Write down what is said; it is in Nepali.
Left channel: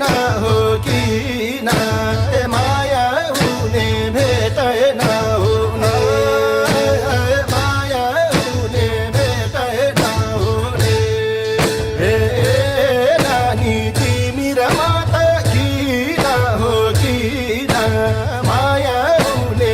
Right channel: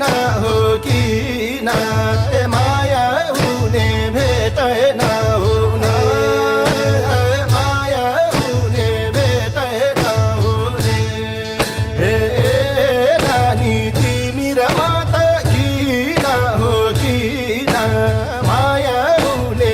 किन हो किन माया हुने भेटै नहुने माया हुने भेटै नहुने हे नानी तिमी र म त किन हो किन माया हुने